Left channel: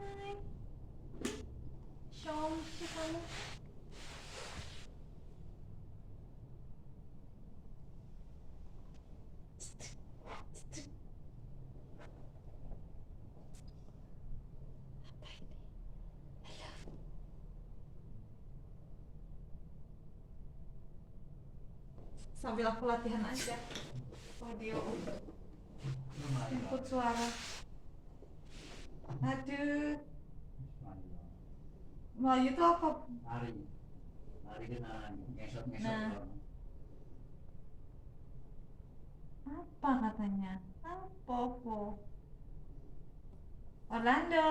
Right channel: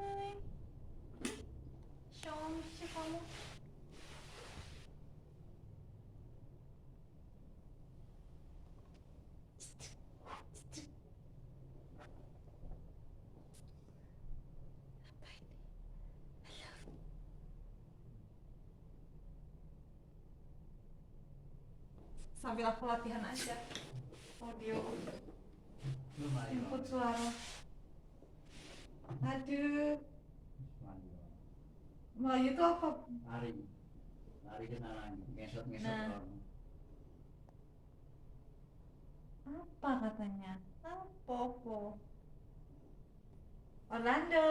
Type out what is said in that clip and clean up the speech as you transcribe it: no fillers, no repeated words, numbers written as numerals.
Hai. Cantik kamu. Apa ini? Halo. Sambil aku latihan aja audio input suara. Aduh, Melayu itu apa? Lari kena ngesot Nah. Apa katanya? Apa po? Orlando.